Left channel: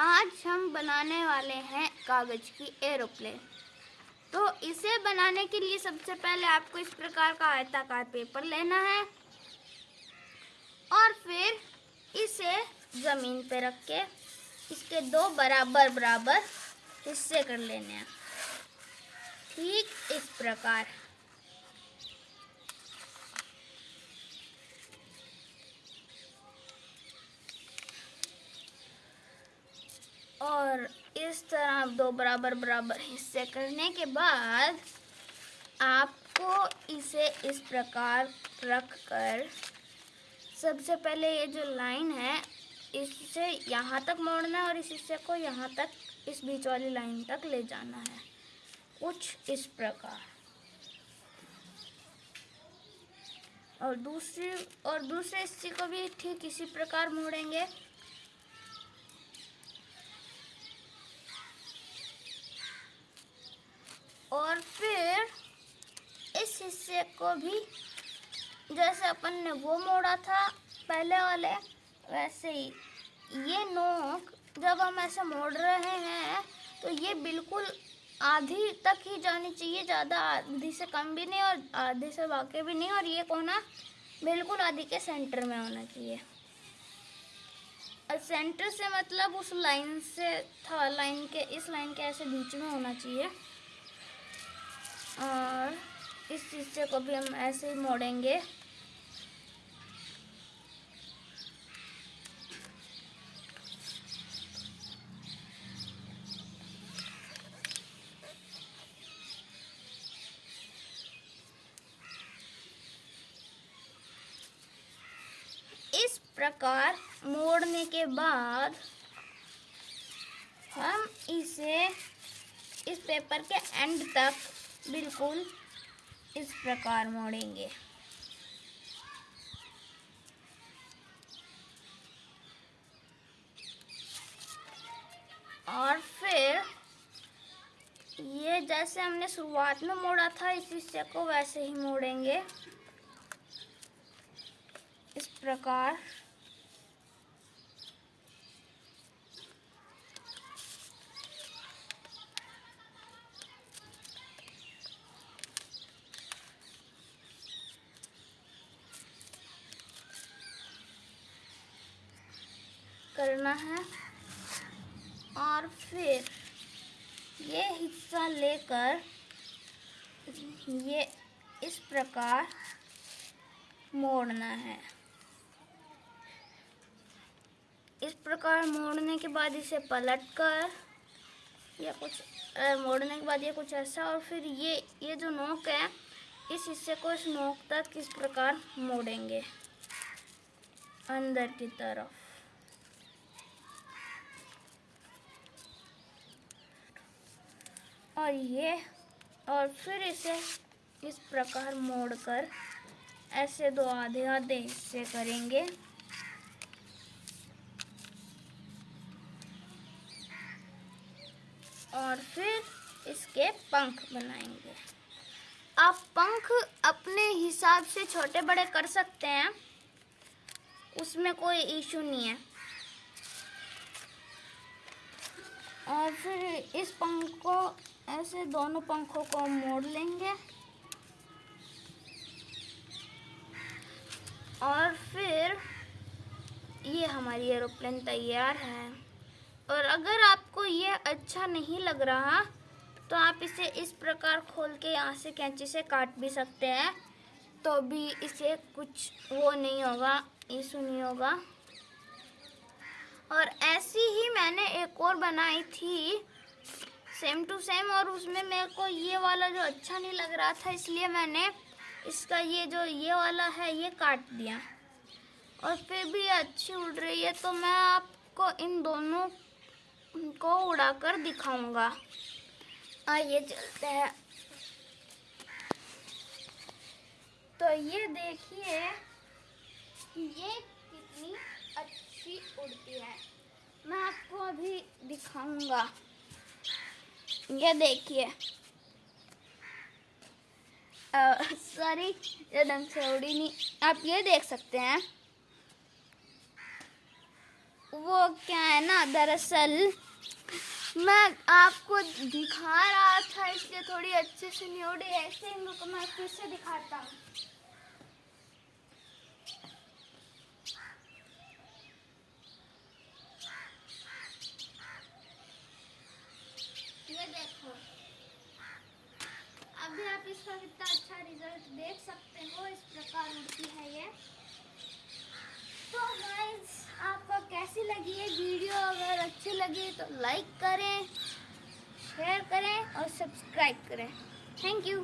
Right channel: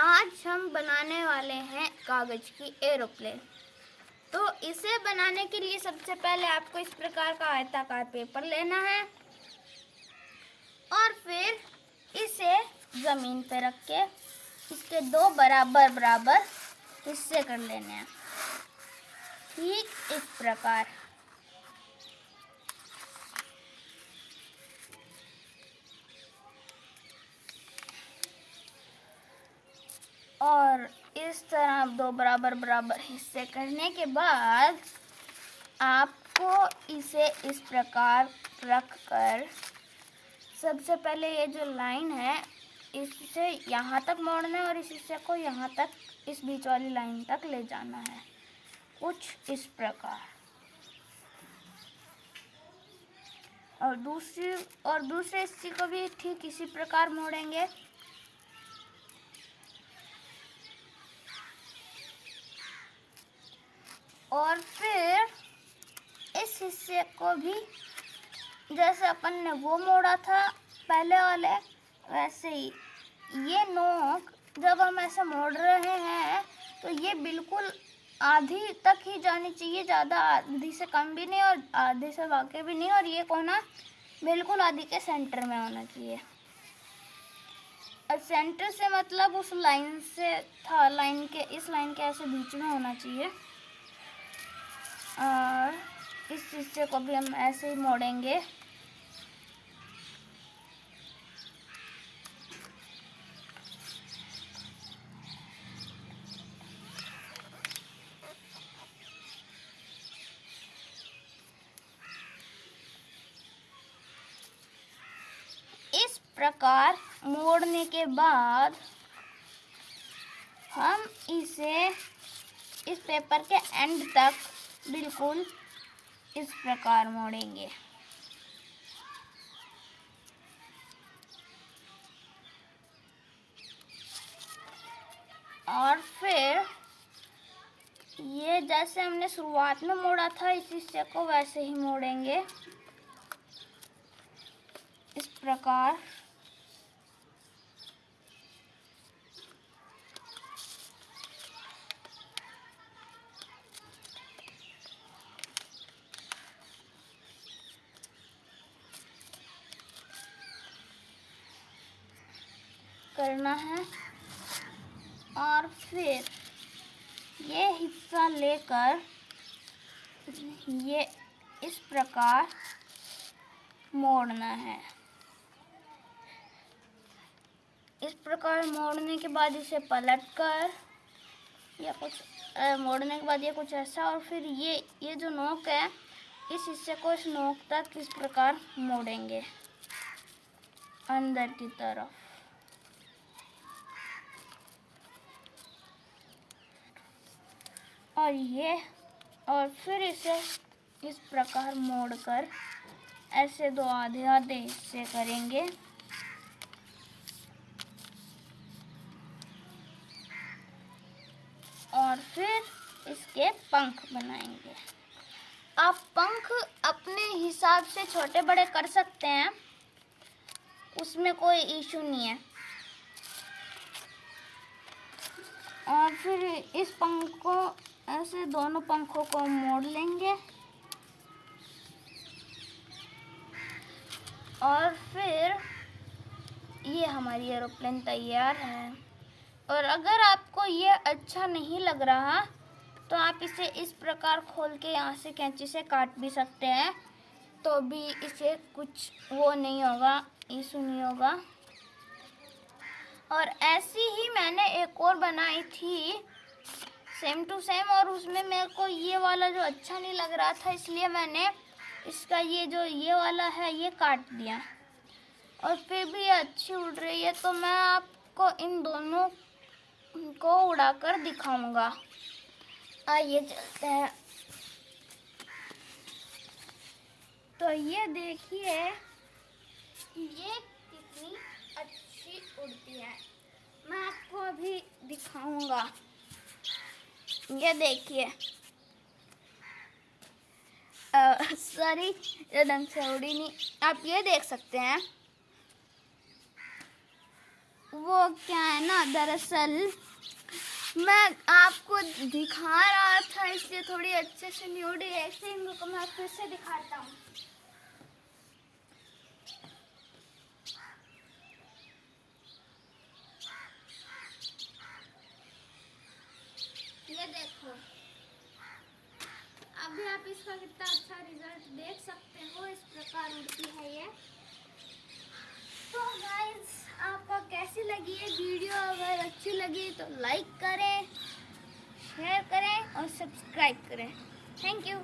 आज हम बनाने वाले हैं कागज की एरोप्लेन। तो इसे बनाने के लिए सबसे पहले आपको इस प्रकार का आयताकार पेपर लेना है और फिर इसे जमीन पे रख के इसके दो बराबर बराबर हिस्से कर लेने हैं, ठीक इस प्रकार। और इस तरह दो बराबर बराबर हिस्से करने के बाद आपको इसे इस प्रकार रख कर सबसे पहले ये जो लाइन है इससे यहाँ तक मोड़ना है और इस हिस्से को यहाँ तक, इस बीच वाली लाइन तक ले जाना है, कुछ इस प्रकार। और दूसरे हिस्से को भी ठीक इसी प्रकार मोड़ेंगे। और फिर इस हिस्से को भी जैसे अपन ने वो मोड़ा था पहले वाले, वैसे ही ये नोक जब हम ऐसे मोड़ रहे हैं तो ये बिल्कुल आधी तक ही जानी चाहिए, ज़्यादा आधी से कम भी नहीं और आधी से वाके भी नहीं, और ये कोना बिल्कुल आधी के सेंटर में होना चाहिए। और सेंटर से मतलब उस लाइन से था, लाइन के इस लाइन के ऐसे बीच में होना चाहिए। और इस हिस्से को भी हम ऐसे ही मोड़ेंगे। इस प्रकार मोड़ने के बाद हम इसे इस पेपर के एंड तक बिल्कुल इस प्रकार मोड़ेंगे। और फिर ये जैसे हमने शुरुआत में मोड़ा था इस हिस्से को वैसे ही मोड़ेंगे इस प्रकार। करना है और फिर ये हिस्सा लेकर ये इस प्रकार मोड़ना है। इस प्रकार मोड़ने के बाद इसे पलटकर या कुछ मोड़ने के बाद ये कुछ ऐसा, और फिर ये जो नोक है इस हिस्से को इस नोक तक इस प्रकार मोड़ेंगे अंदर की तरफ। और फिर इसे इस प्रकार मोड़कर ऐसे दो आधे आधे हिस्से करेंगे। और फिर इसके पंख बनाएंगे। आप पंख अपने हिसाब से छोटे बड़े कर सकते हैं, उसमें कोई इशू नहीं है। और फिर इस पंख को ऐसे दोनों पंखों को मोड़ लेंगे और फिर ये हमारी एरोप्लेन तैयार है। और अगर आपको ये अच्छा नहीं लग रहा तो आप इसे इस प्रकार खोल के यहाँ से कैंची से काट भी सकते हैं, तो भी इसे कुछ वो नहीं होगा, इशू नहीं होगा। और ऐसी ही मैंने एक और बनाई थी सेम टू सेम, और उसमें मेरे को ये वाला जो अच्छा नहीं लग रहा था इसलिए मैंने इसका ये जो ये वाला है ये काट दिया, और फिर भी ये अच्छी उड़ रही है। तो मैं आपको इन दोनों को उड़ाकर दिखाऊंगा। आइए चलते हैं। तो ये देखिए ये कितनी अच्छी उड़ती है, मैं आपको अभी दिखाऊंगा। ये देखिए, सॉरी ये ढंग से उड़ी नहीं, आप ये देख सकते हैं वो क्या है ना, दरअसल मैं आपको दिखा रहा था इसलिए थोड़ी अच्छे से नहीं उड़ी, ऐसे ही इनको मैं फिर से दिखाता हूँ। ये देखो, अभी आप इसका कितना अच्छा रिजल्ट देख सकते हो, इस प्रकार उड़ती है ये। तो गाइस, आपको कैसी लगी ये वीडियो? अगर अच्छी लगी तो लाइक करें, शेयर करें और सब्सक्राइब करें। Thank you.